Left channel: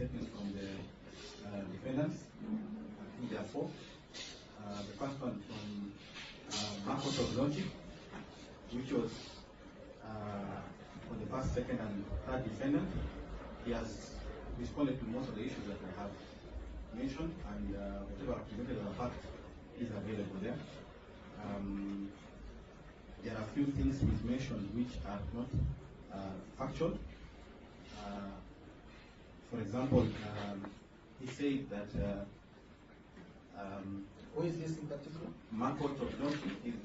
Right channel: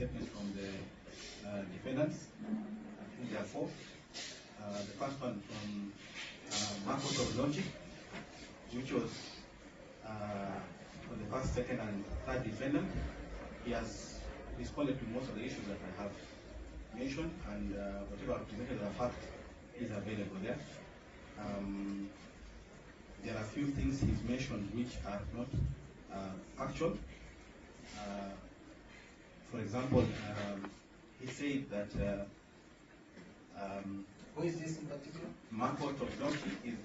statements from the defendants. I think there are four. The first one from Marcos of Logic, which was for the first, second, and third defendant. He has responded to most of the issues that I have mentioned, and whatever I presented as a fact is available there. There are a few things he's mentioned which are not factual. For example, he said that who is this in particular? Marco Topdoki is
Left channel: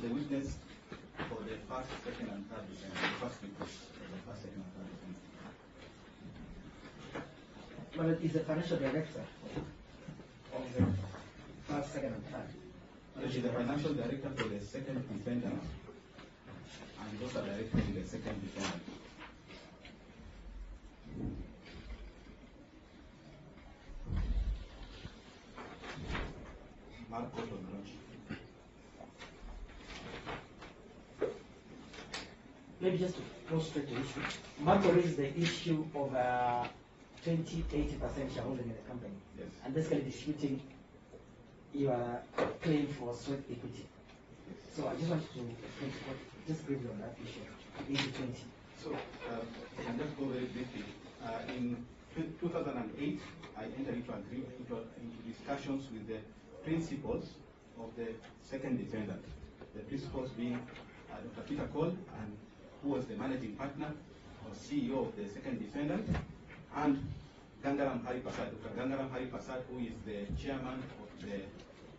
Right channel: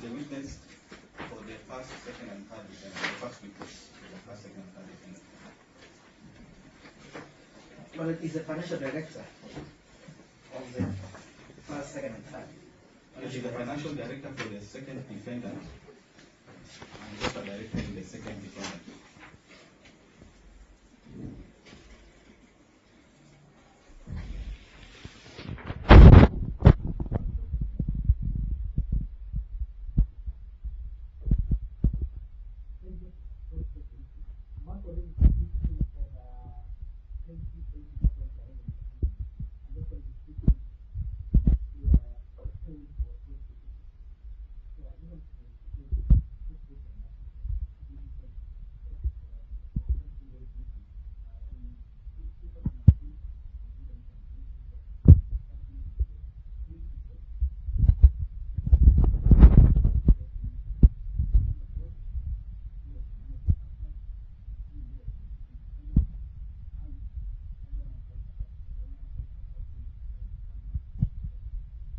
the witness for the first, second, and third defendant. The first witness for the first, second, and third defendant. Well, he's the financial director of the first, second, and third. He is the financial director for the second defendant, and also director in the second defendant. Maybe just to go straight to the issue. Marco raised the issue of 20-80% shareholding in the company. Yes. And basically disputing your claim for sweat equity. So I just want to just briefly on that issue, 80-20. So, I'll just go very briefly. In 2008, I entered into discussions with the principals of the second defendant. The principals being Dr. Peter Cole, and who was the managing partner or CEO of the second defendant, and Gangaram Haripasad, Dr. Gangaram Haripasad, who is the chairman of the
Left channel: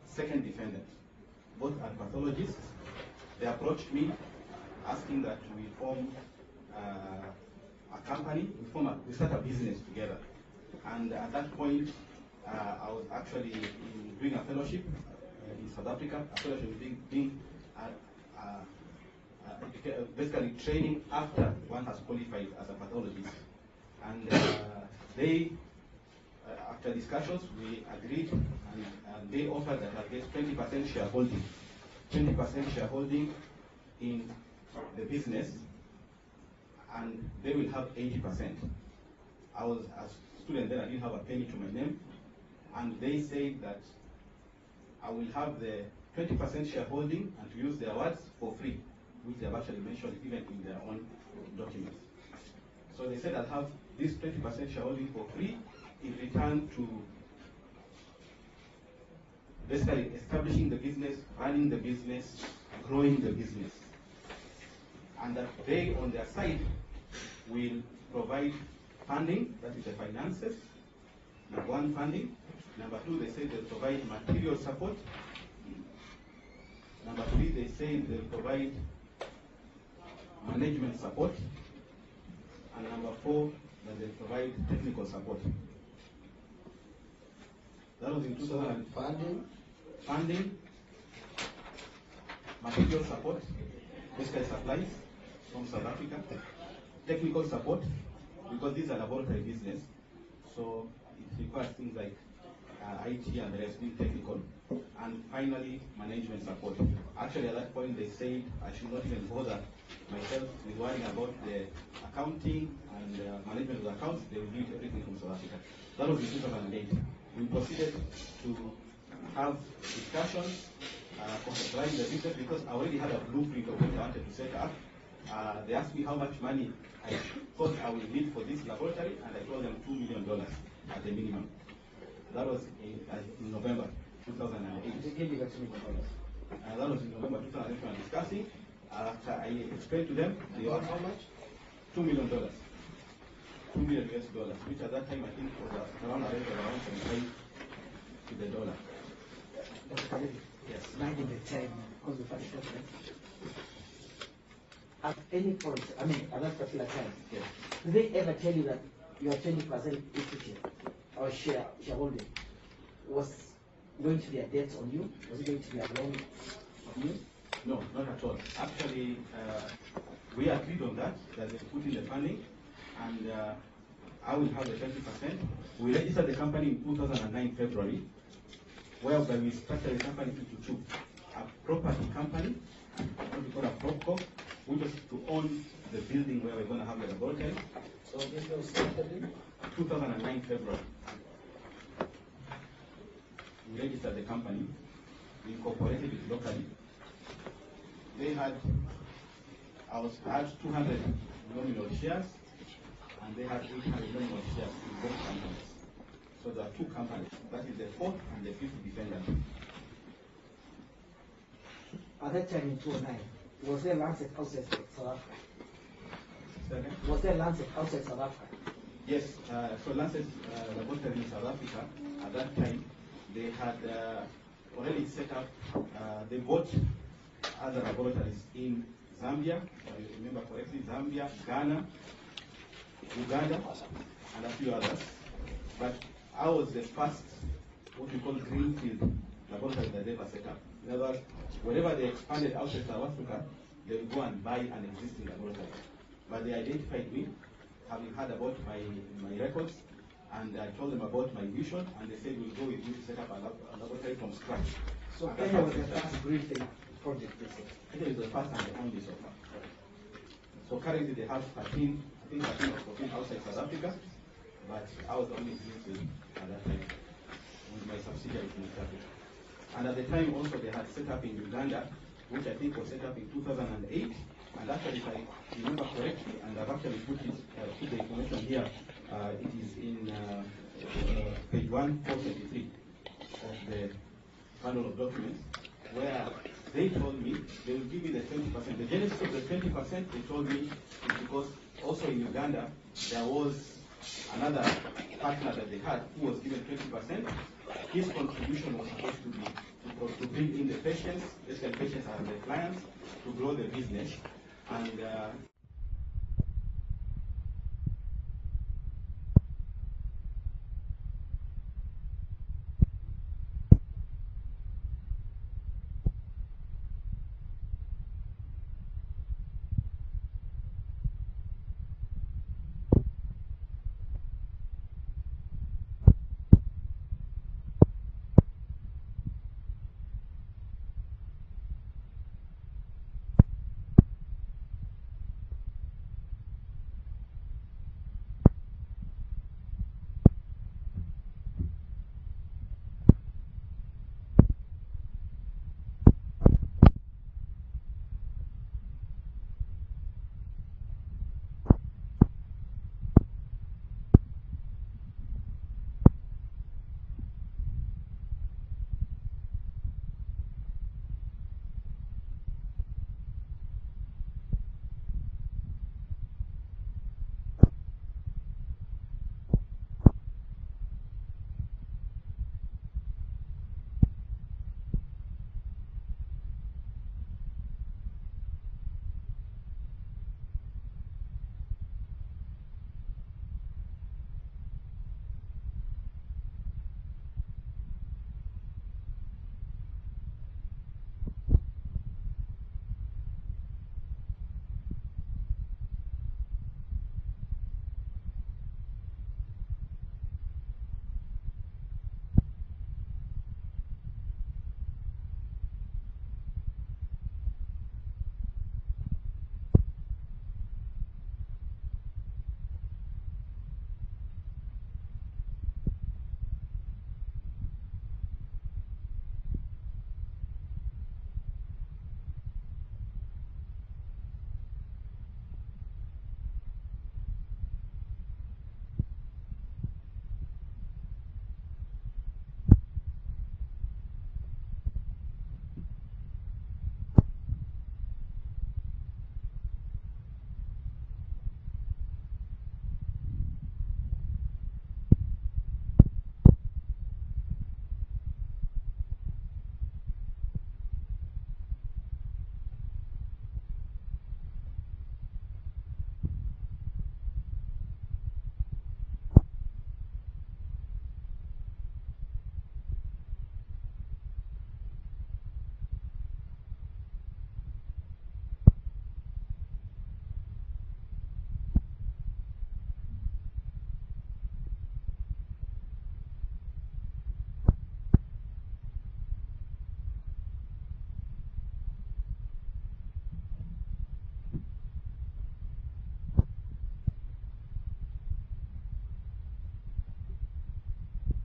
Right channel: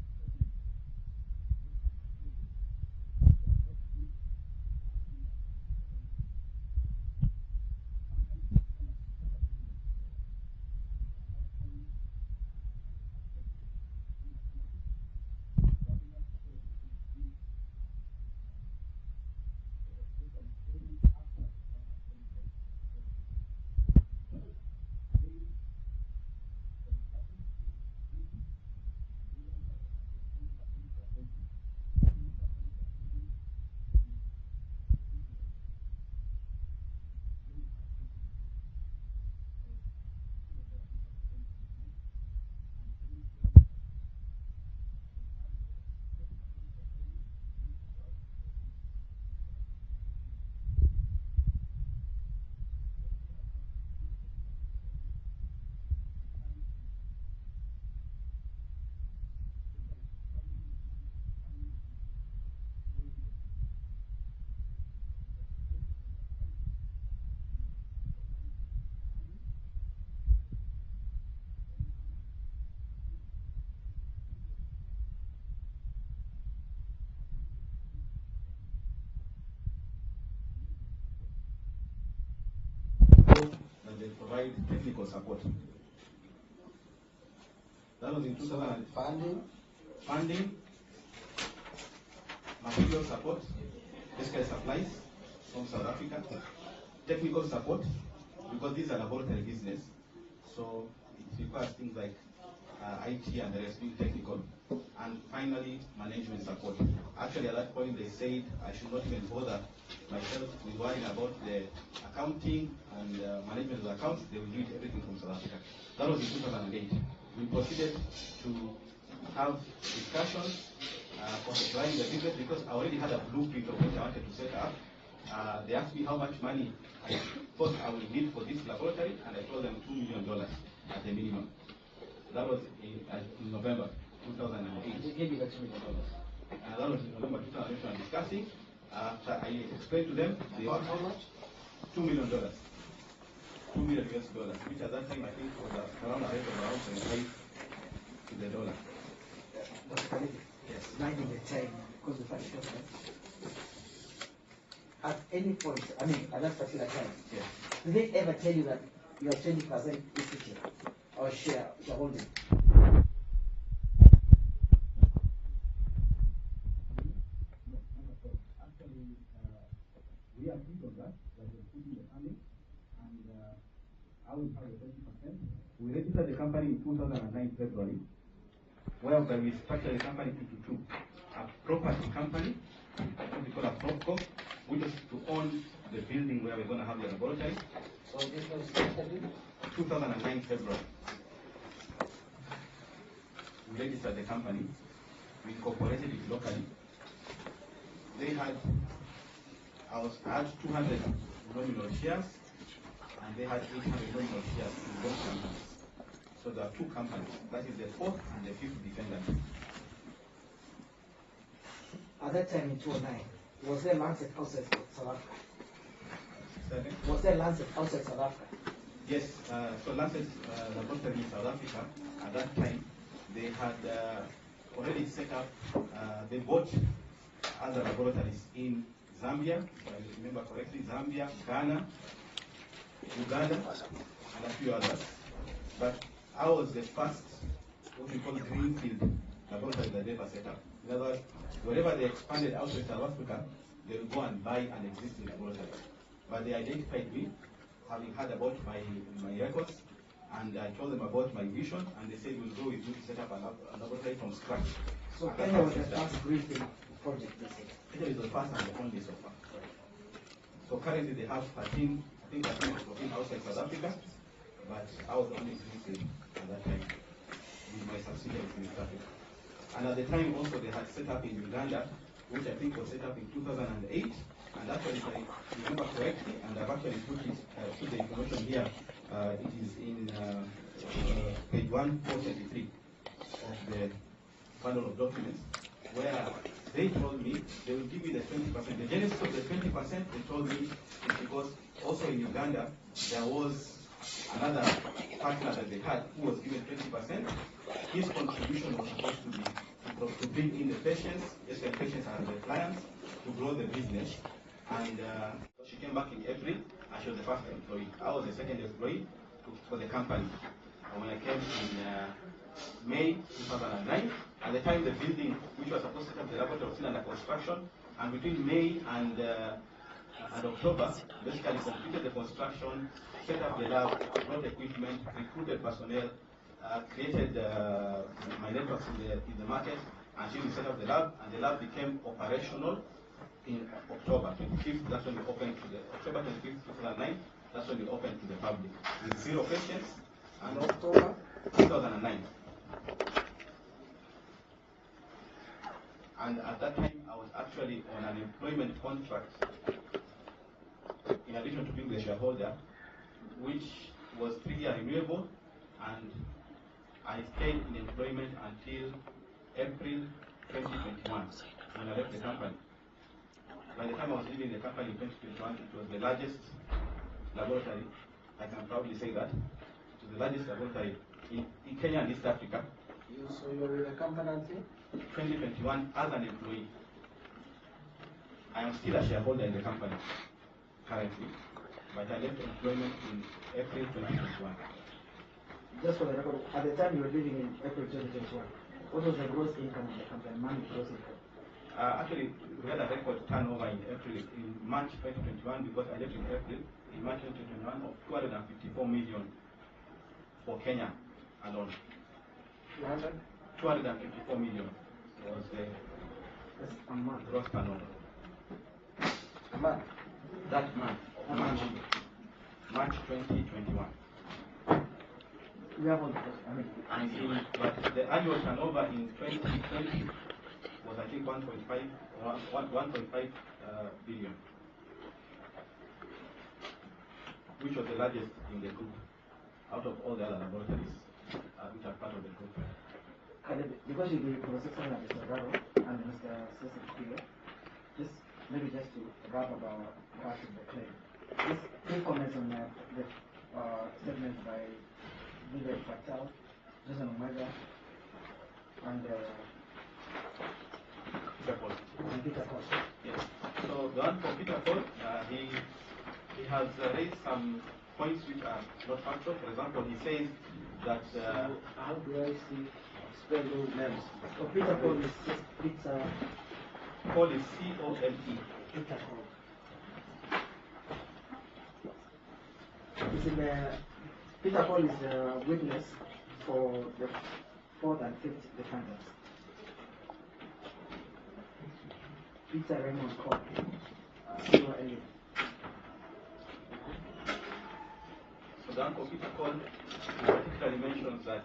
second defendant. Both are pathologists. They approached me asking that we form a company, we start a business together. And at that point, I was actually doing a fellowship in South Africa, a fellowship being basically training after one has qualified as a pathologist. And they, after discussions, we agreed, and they offered that I get 20% shareholding. 20% shareholding in the business, and they will have 80%. I was a student then, I didn't have a penny to my name, and they said that I will have the 20% shareholding and to use their words for free, which they have actually mentioned even in their own documents. So they said I'll have this 20% shareholding for free in return to basically establishing the business, running the business, growing the business. And that they, on their side, will provide funding, that is the finances. Number one, funding. Number two, they say they'll provide material support. Number three, they say they'll provide management support. And number four, that they'll provide technical support. That was in 2000. Funding, material support, basically supplies from South Africa, technical support, because these are laboratory business, so it requires things like IT and the rest, being technical, and finally management support. Actually, at that point, they said I should not even bother myself with worrying about the accounting and management of the accounts. They will do everything from South Africa. That was in 2008. We proceeded to have discussions, conceptualizing the business, because I already had a blueprint of what I wanted to set up. They asked me how much money I thought I will need for this laboratory, and I told them $2 million at the minimum. That was in November 2008. They gave you that $2 million. That was in November 2008 when discussing. After I explained to them, they About how much? $2 million. $2 million US, which at that time I think was around a rate of around 75 to the dollar. Dr. Kalebi, Yes. minding the time, because we find it. At any point, I mean, at that particular time, Yes. did they ever tell you that your 20% equity or shareholding was going to be a debt on you? Was it going to be a loan on you? No, not at all. Actually, we agreed on that they put in the funding, and I will have the 20%. We registered the company in 2009 February, whereby we structured the company into two. A property company, what we call a PropCo, which is to own the building where we're going to have the laboratory. So this was started in? 2009 February, we registered the company, we incorporated it locally. They had, I had 200 nominal shares, and they had 800 nominal shares in both companies. So there are two companies. That is the fourth and the fifth defendant. At that time in 2009, was there Lancet outside South Africa? Second? Was there Lancet outside South Africa? Yes, so Lancet laboratory in South Africa, at that time, they had already set up, they bought other laboratories in Zambia, if I remember correctly, Zambia, Ghana, Uganda, and a few others. But I was the first, what we call greenfield laboratory that they ever set up. In other words, wherever they expanded outside South Africa, they would go and buy an existing laboratory. But they identified me, having heard about my records, and I told them about my vision, and they said, we'll go with you to set up a laboratory from scratch. So Kenya was the first greenfield project, they said. Kenya is the first and the only so far. So currently they have 13, I think 13 or 14 outside South Africa, but I was the only greenfield at that time with my subsidiaries in South Africa. And at the time also they had set up in Uganda, which I think was set up in 2008. And actually, if I remember correctly, and I've actually put the information here, it is in page 1423 of the bundle of documents, where they told me they will give me the 20%. The genesis of the 20% they told me is because also in Uganda there was another partner that they had who was given 20%. His contribution was supposed to be to bring in the patients, basically patients are the clients, to grow the business. And she came back in April, and she was the first employee. I was the second employee for the company. And when I came in May 2009, at the time the building, which was supposed to set up the laboratory, was still under construction. And between May and October, basically completed the construction, set up the lab, brought equipment, recruited personnel, created my networks in the market, and she set up the lab, and the lab became operational in October 25th. That's when we opened to the October 25th, 2009. That's when we opened to the public with 0 patients, and October 2009. And at that time, I was actually on an employment contract, in addition to being the shareholder, which was 3-year renewable, and I stayed in employment until April 2021, and I left the company. By the time I was leaving the company in 2021, it was the largest laboratory, I can proudly say that, it was the largest laboratory in Kenya and East Africa. So you were with the company until 2021 as an employee. I am still a shareholder in the company currently, but I left employment in April 2021. Just for the record, at the time you were living in April 2021, what was the gross income of the company, money gross income? Actually, we had a record turnover in March 2021, because I left in April, in March 2021, of 254 million for Kenya alone. 254 million was the gross turnover. A month? That month, of March 2021. We have on, But the annual turnover in 2020 was, I think, 1.5 billion, which was the largest in the group out of all the other laboratories which are part of the group. Because you'll be processing at Mr. Raro and Mr. Testifies, just to wrap about the claim. Just quick comments on the statement by Leader Patel, Jason Omega, and Peter Paul. Yes. So the one for Peter Paul, he has raised some points which are not factual. For example, he says that how do I spell those names? So Peter Paul is Peter. Paul is C-O-L-E. Peter Paul. It's in Peter Paul is a witness for the 4th and 5th defendants. Peter Raymond Paul. C-O-L-E. So Donald Kipkorir particularly mentions that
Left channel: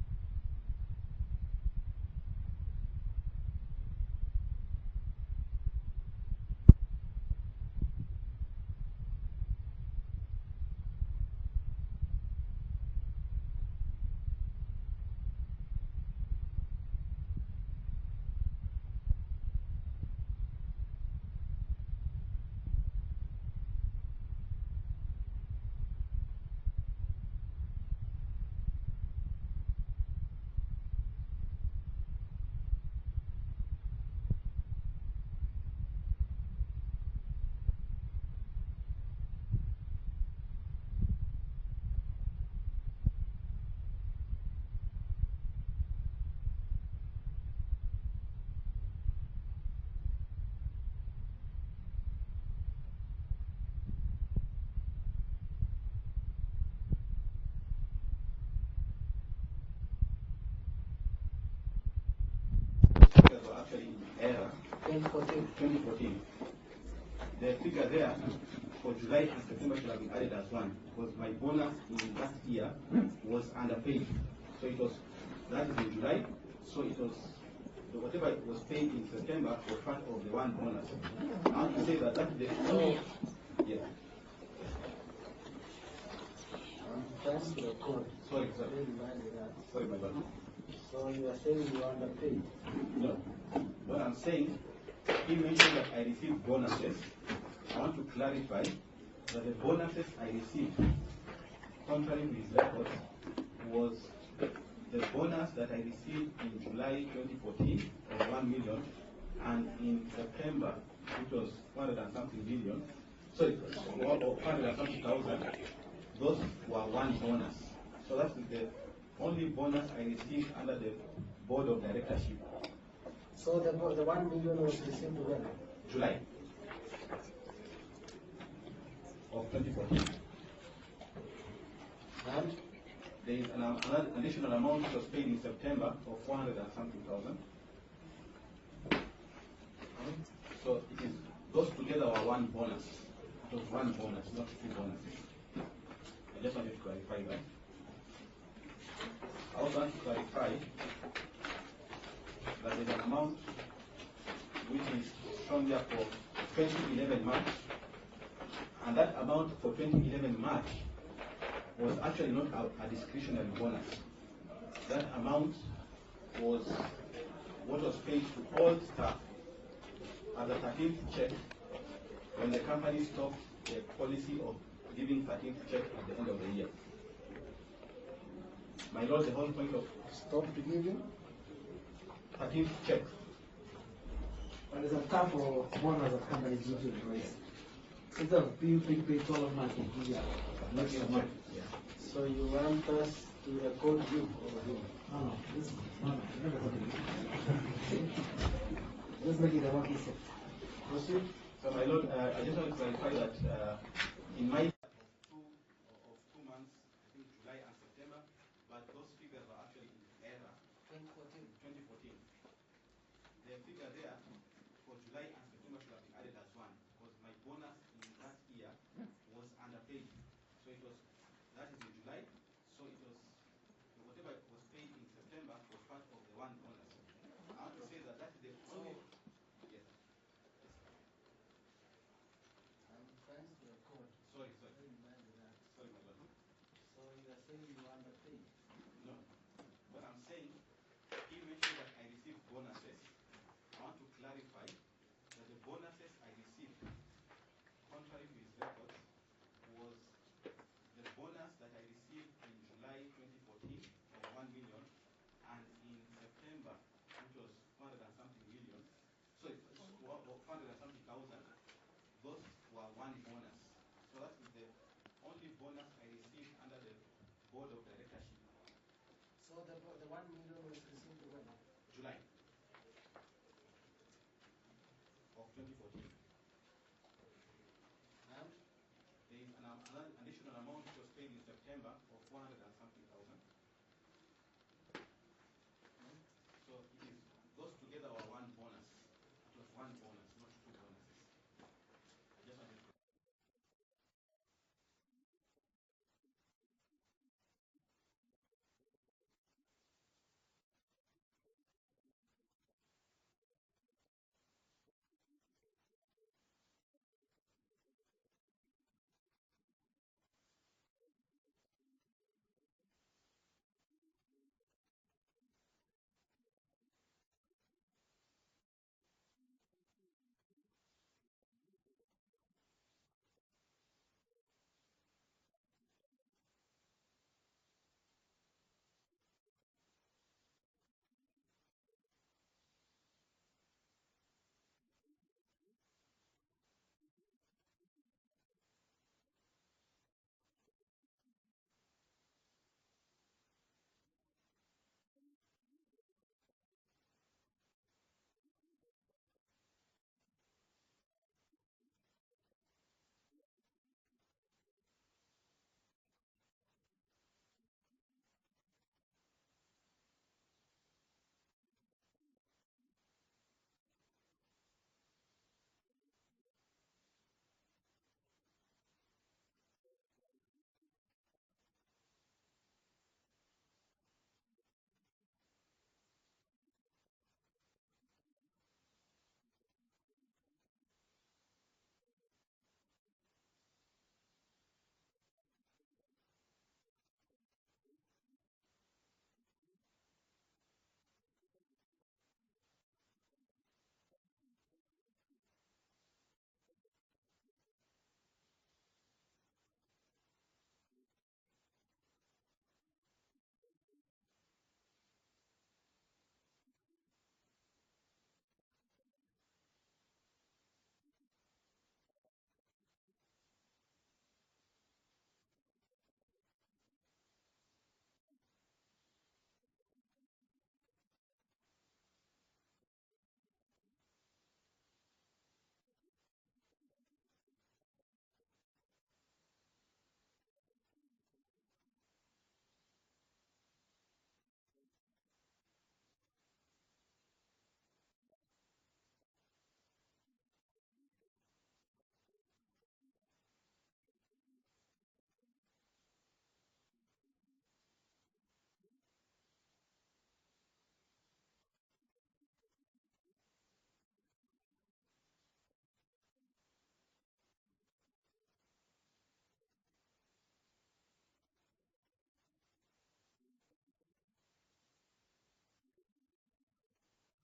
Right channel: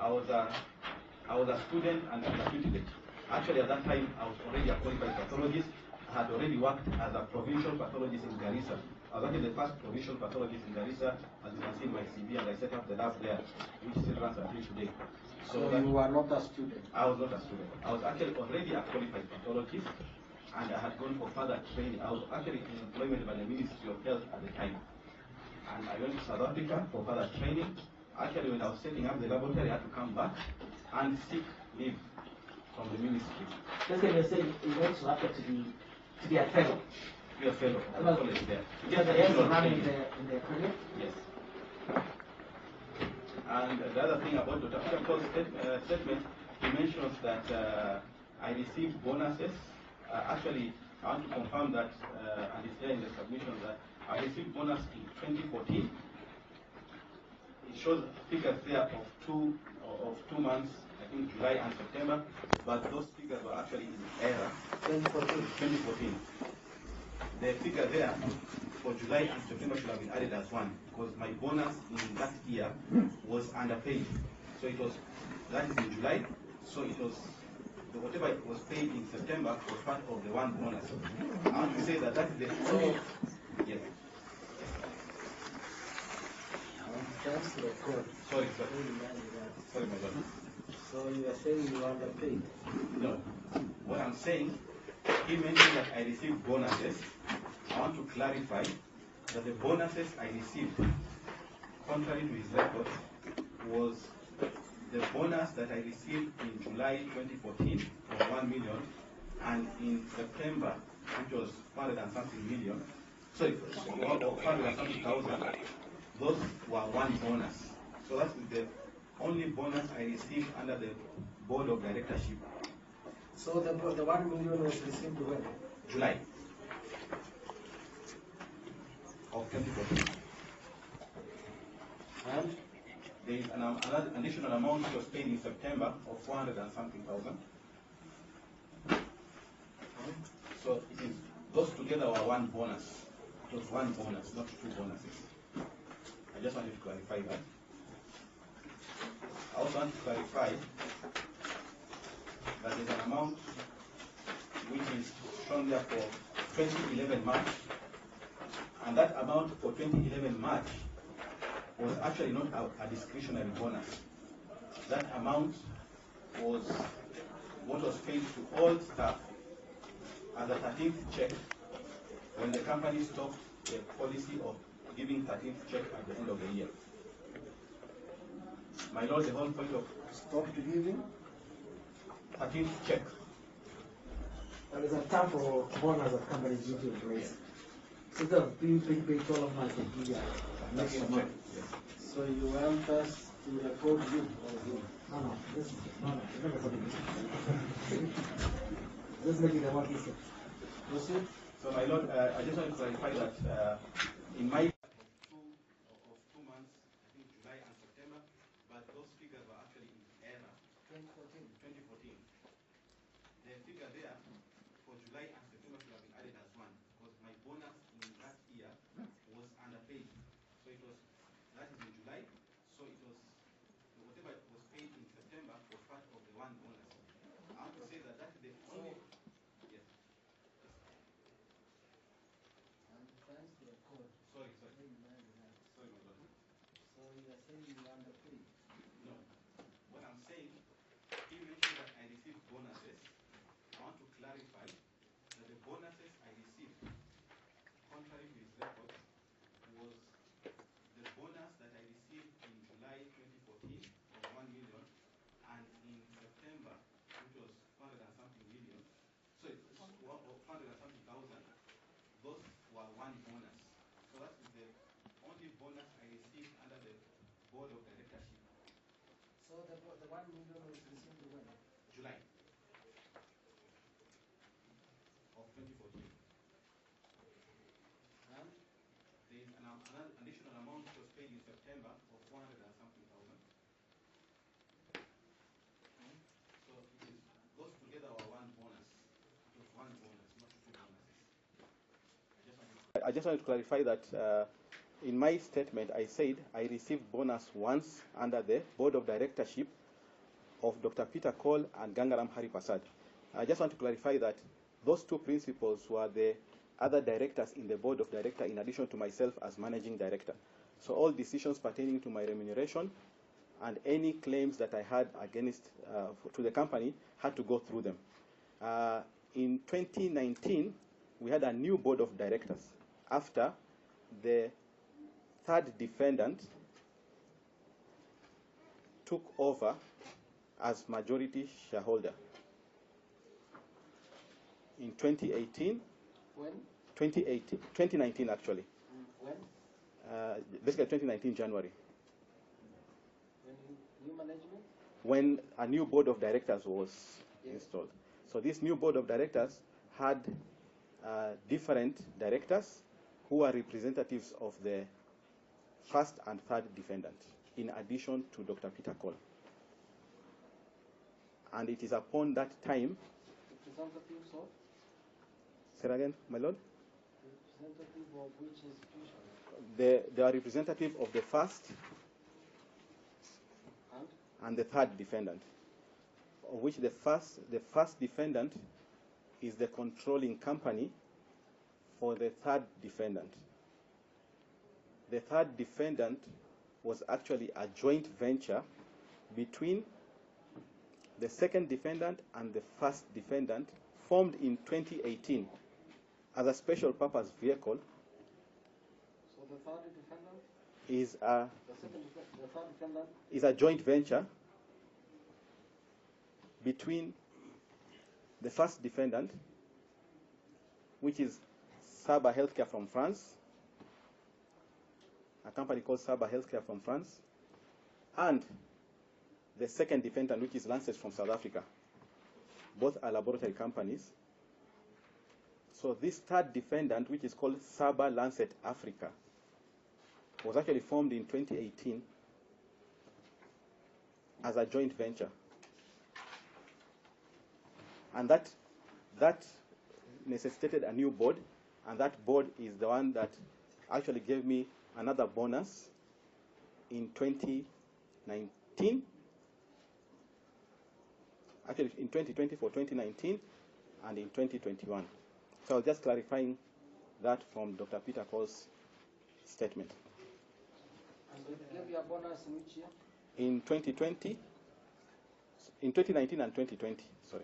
I was a student and a tutelage. Actually, at that time, I was already a qualified pathologist. I had already worked as a provincial pathologist in Garissa. I was actually the first provincial pathologist in Garissa, as you can see in my CV, and I set up the lab there, which still runs until today. So you were not a student? I was not a student. I was actually already a qualified pathologist, and I had gone for further training. I was actually in employment by the Ministry of Health at the time. And I went to South Africa for further training. Actually, when I was setting up the laboratory, I had to come back and seek leave from the ministry. Just like you said, you went to Africa to be a fellow. To be a fellow at the college there. Just the rest of running in their career? Yes. And the other thing about Dr. Kipkorir's statement, he mentions that I received bonuses. Actually, I want to confirm that, and it's there in the submission, that I received bonus in 2014. It shows figures there of two months, I think July and September, but those figures were actually in error. 2014. The figure there for July and September should have been added as one, because my bonus in that year was underpaid. So it was, that is in July, so it was, whatever it was paid in September was part of the one bonus. I want to say that that is the only, yes. That's the code. Sorry, sorry, my brother. So you are saying you are underpaid? No. What I'm saying, he mentioned that I received bonuses. I want to clarify that the bonuses I received, contrary to his records, was the bonus that I received in July 2014 of 1 million, and in September, which was 100 and something million, sorry, 100 and something thousand, those were one bonus. So that's the only bonus I received under the board of directorship. So the 1 million was received when? July of 2014. And there is another additional amount which was paid in September of 400 and something thousand. So it is, those together were one bonus. It was one bonus, not two bonuses. I just wanted to clarify that. I also want to clarify that there's an amount which is shown there for 2011 March, and that amount for 2011 March was actually not a discretionary bonus. That amount was what was paid to all staff as a 13th check when the company stopped the policy of giving 13th check at the end of the year. My Lord, the whole point of stopped giving 13th check. But it's a time for bonus of companies give to employees. Instead of being paid 12 months to give you next month. Yes. So you want us to record you or him? No, never something. Just make it a one piece. Proceed. So my Lord, I just want to clarify that in my of 2 months, I think July and September, but those figures were actually in error. 2014. The figure there for July and September should have been added as one, because my bonus in that year was underpaid. So it was, that is in July, so it was, whatever was paid in September was part of the one bonus. I want to say that that's the only, yes. I'm trying to record. Sorry, my brother. So you are saying you are underpaid? No. What I'm saying, he mentioned that I received bonuses. I want to clarify that the bonuses I received, contrary to his records, was the bonus that I received in July 2014 of 1 million, and in September, which was 400 and something million, so it's 400 and something thousand, those were one bonus. So that is the only bonus I received under the board of directorship. So the 1 million was received when? July of 2014. And There is another additional amount which was paid in September of 400 and something thousand. So it is, those together were one bonus. It was one bonus, not two bonuses. I just wanted to clarify that in my statement, I said I received bonus once under the board of directorship of Dr. Peter Cole and Gangaram Haripasad. I just want to clarify that those two principals were the other directors in the board of directors in addition to myself as managing director. So all decisions pertaining to my remuneration and any claims that I had against to the company had to go through them. In 2019, we had a new board of directors after the third defendant took over as majority shareholder. In 2018, When? 2019 actually. When? Basically 2019 January. When new management? When a new board of directors was installed. So this new board of directors had different directors who are representatives of the first and third defendant, in addition to Dr. Peter Cole. And it is upon that time. Representatives of? Say that again, my lord? Representative of which institution? They are representative of the first and the third defendant, of which the first defendant is the controlling company for the third defendant. The third defendant was actually a joint venture between the second defendant and the first defendant, formed in 2018 as a special purpose vehicle. So the third defendant is the third defendant is a joint venture between the first defendant, which is Saba Healthcare from France, a company called Saba Healthcare from France, and the second defendant, which is Lancet from South Africa. Both are laboratory companies. So this third defendant, which is called Saba Lancet Africa, was actually formed in 2018 as a joint venture. And that necessitated a new board, and that board is the one that actually gave me another bonus in 2019. Actually, in 2020 for 2019 and in 2021. So I was just clarifying that from Dr. Peter Cole's statement. and they gave you a bonus in which year? In 2020, in 2019 and 2020, sorry.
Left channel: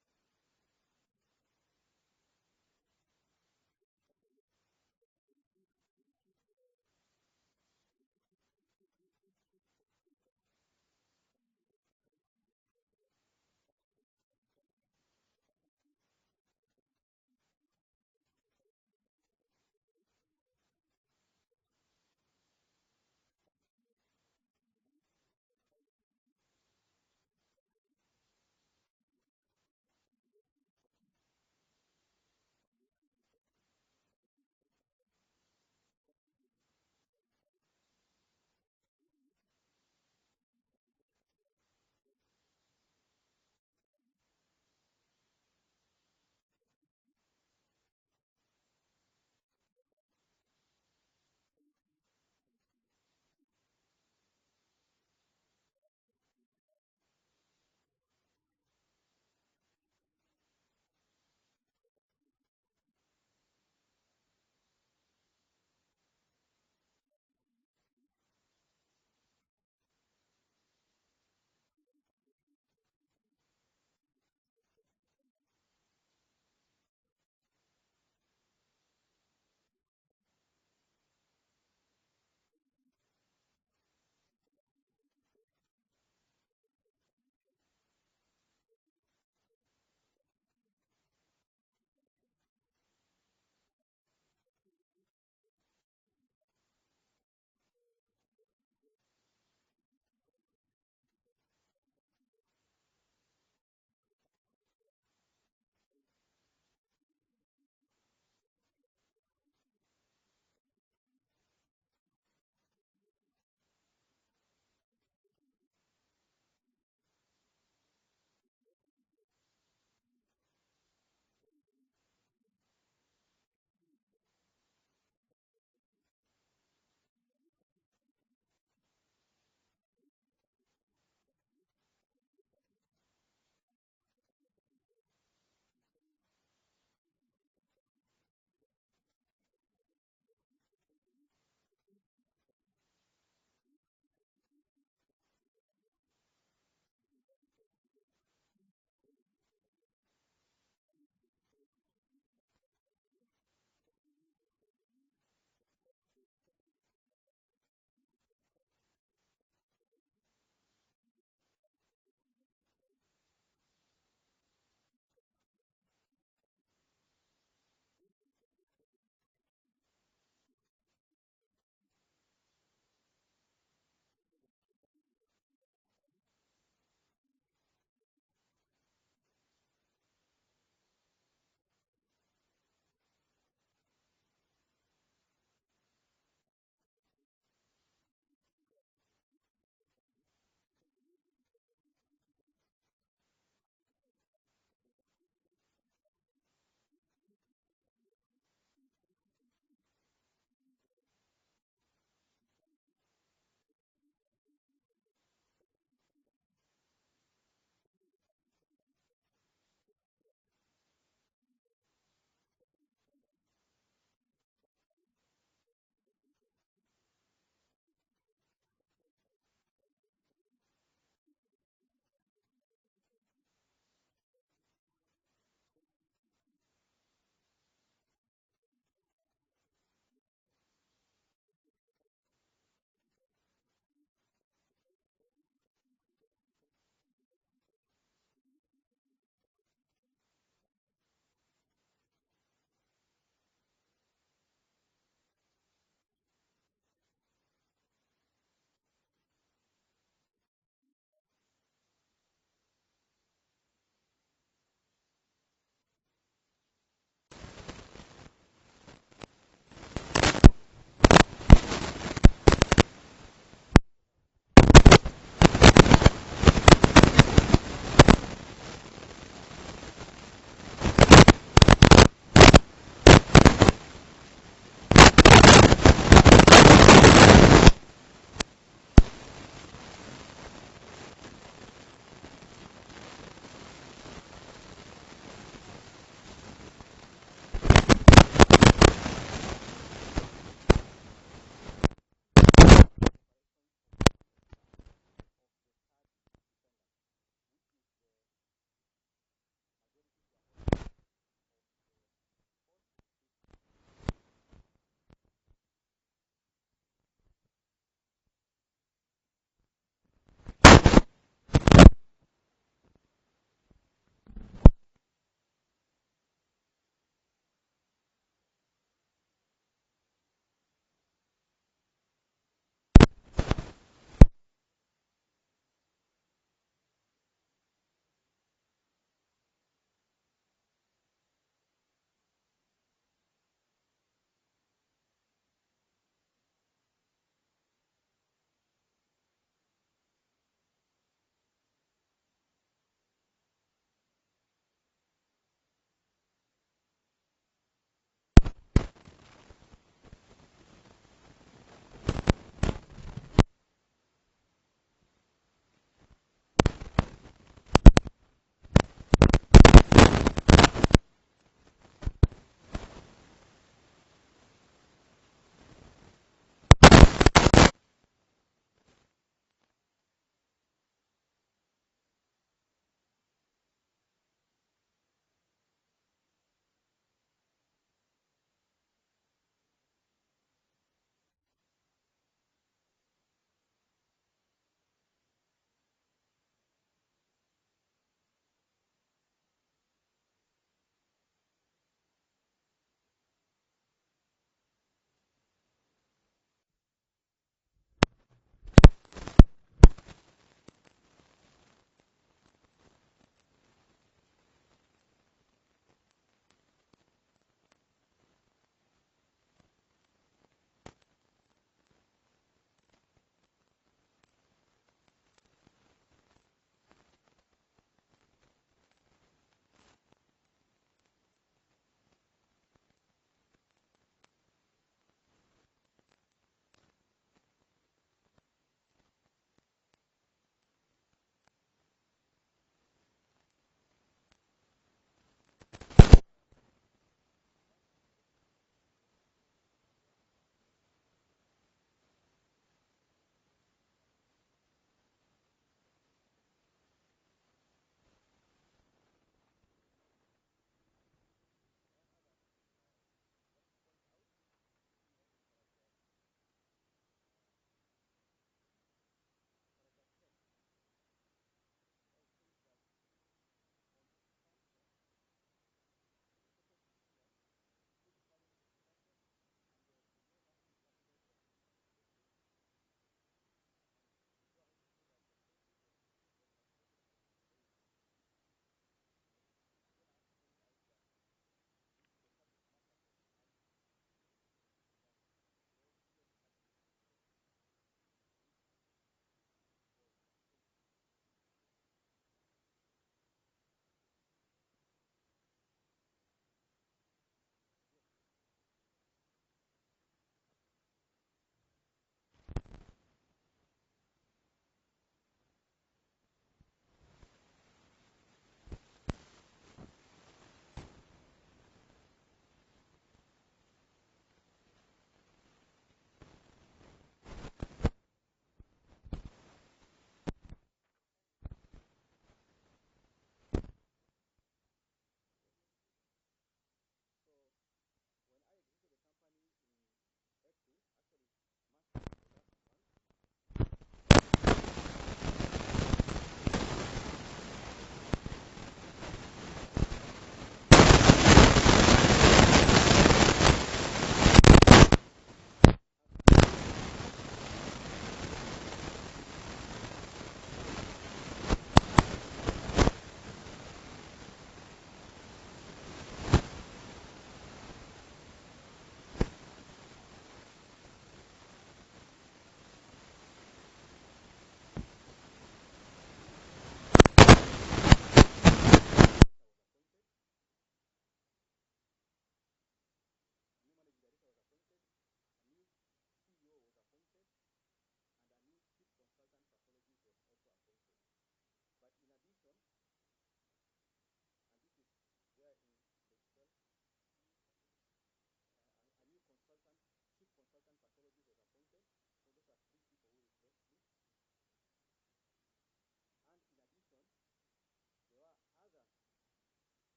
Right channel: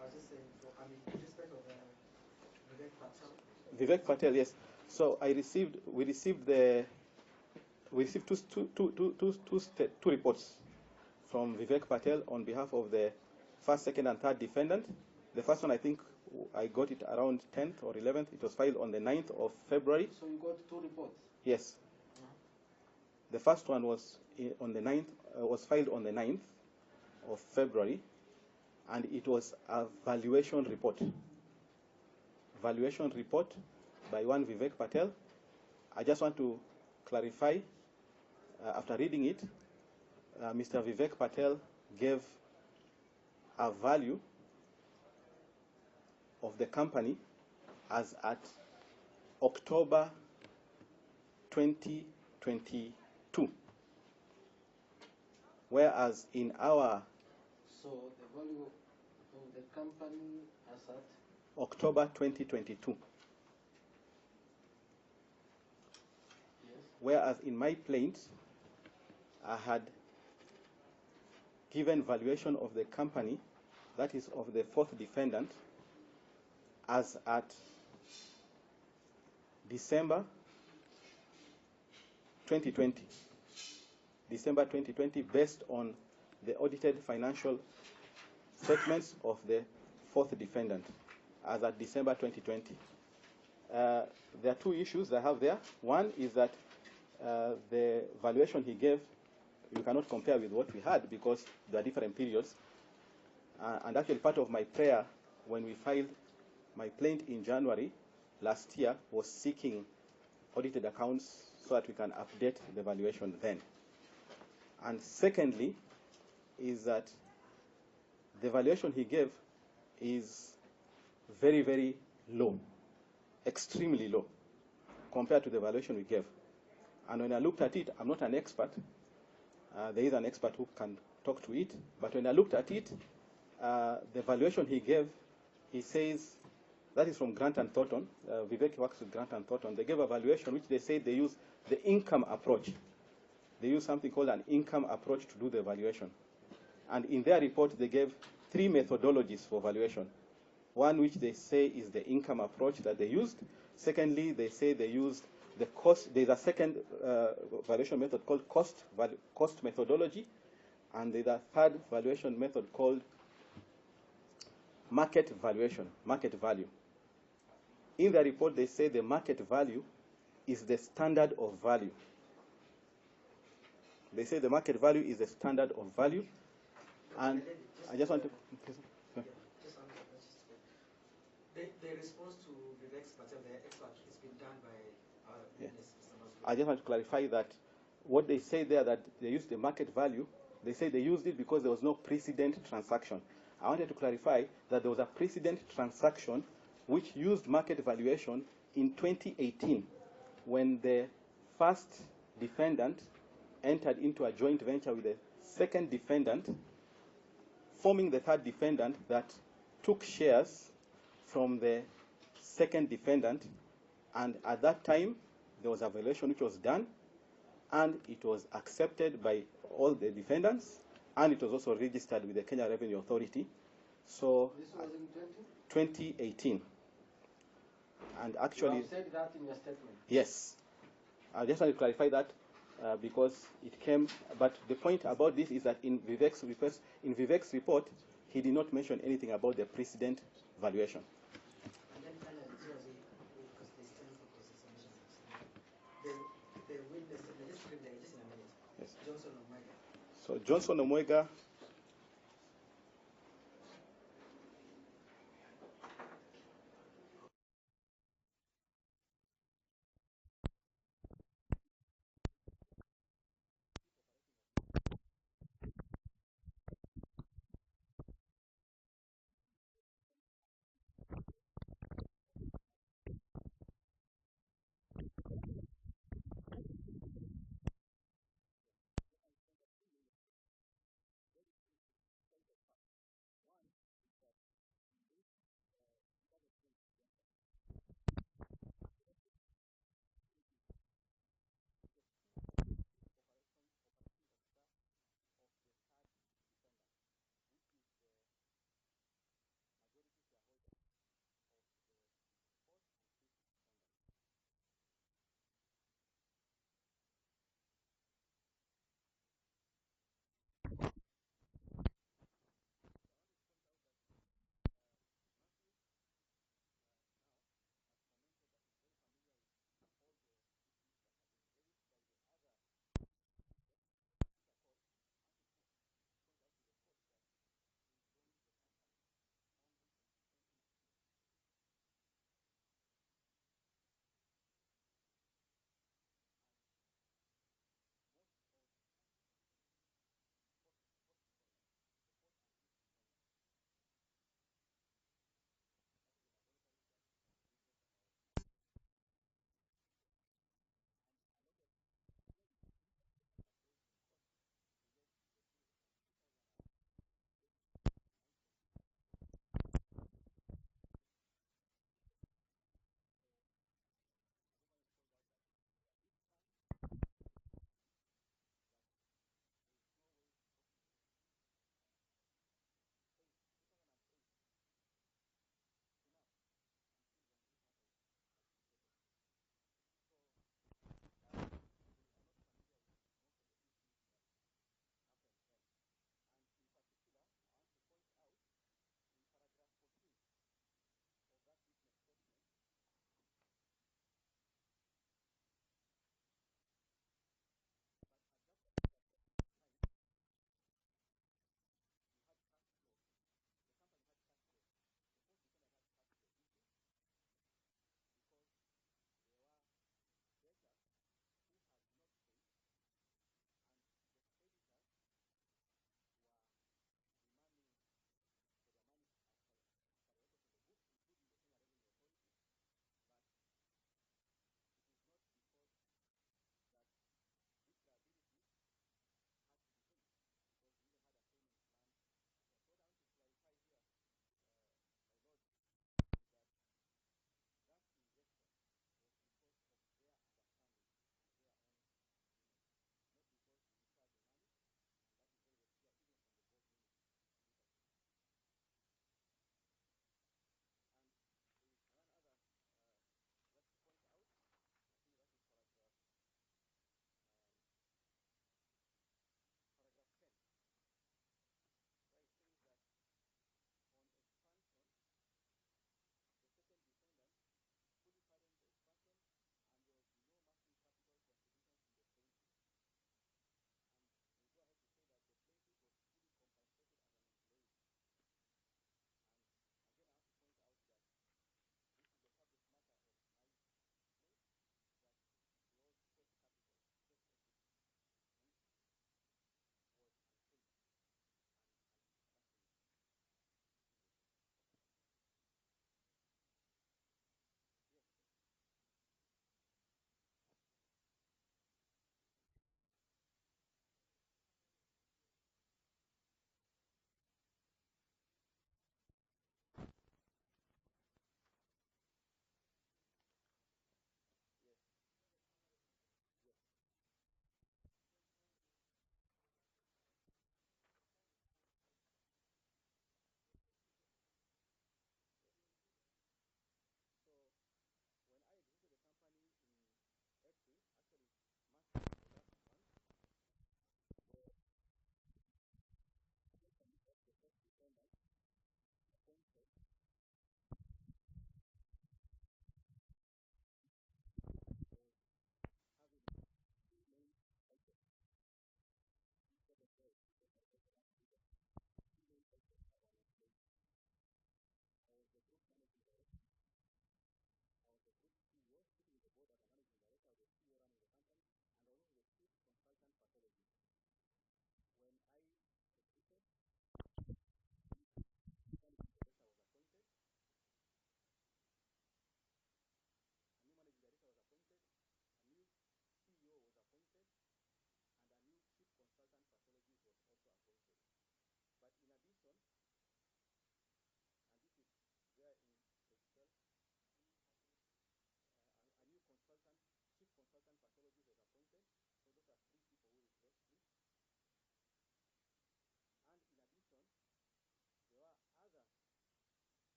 I was just saying, in respect of Vivek Patel. Vivek Patel, yes. So we received two reports from Vivek Patel on behalf of the first, second, and third defendant. The first one, I think I got it around 10th or 11th. It was filed on the 9th of February. So you got two reports? Yes. The first one was on the 9th, was filed on the 9th of February, and it was a valuation report. Valuation report by one Vivek Patel. I just want to clarify, after reading it, Mr. Vivek Patel gave a value of the company as at October 2022, whereas in our So the value of the company as at October 2022, yes, whereas in my plaint I had given valuation of the company, that is of the fourth defendant, as at December 2020. December 2020, based on the audited financial statements of the fourth defendant, as at December 2020. There are two issues I have there. One is that the valuation he gave, you cannot compare with what we had because there are different periods. And actually part of my prayer when we filed my plaint in January last year was seeking audited accounts so that we can update the valuation then. And secondly is that the valuation he gave is very, very low, extremely low, compared to the valuation we gave. And when I looked at it, I'm not an expert. There is an expert who can talk to it. But when I looked at it, the valuation he gave, he says, that is from Grant and Thornton. Vivek works with Grant and Thornton. They gave a valuation which they say they use the income approach. They use something called an income approach to do the valuation. And in their report, they gave 3 methodologies for valuation. One which they say is the income approach that they used. Secondly, they say they used the cost. There's a second valuation method called cost methodology. And there's a third valuation method called market valuation, market value. In the report, they say the market value is the standard of value. They say the market value is the standard of value. And I just want to... The response to Vivek's Patel, the expert, has been done by our witness, Mr. I just want to clarify that what they say there, that they used the market value, they say they used it because there was no precedent transaction. I wanted to clarify that there was a precedent transaction which used market valuation in 2018 when the first defendant entered into a joint venture with the second defendant, forming the third defendant that took shares from the second defendant. And at that time, there was a valuation which was done, and it was accepted by all the defendants, and it was also registered with the Kenya Revenue Authority. So This was in 2018. And actually, you have said that in your statement. yes. I just want to clarify that because it came, but the point about this is that in Vivek's report, he did not mention anything about the precedent valuation. And then finally, because there's time for the witness, just in a minute. Yes. Johnson Omega. So Johnson Omega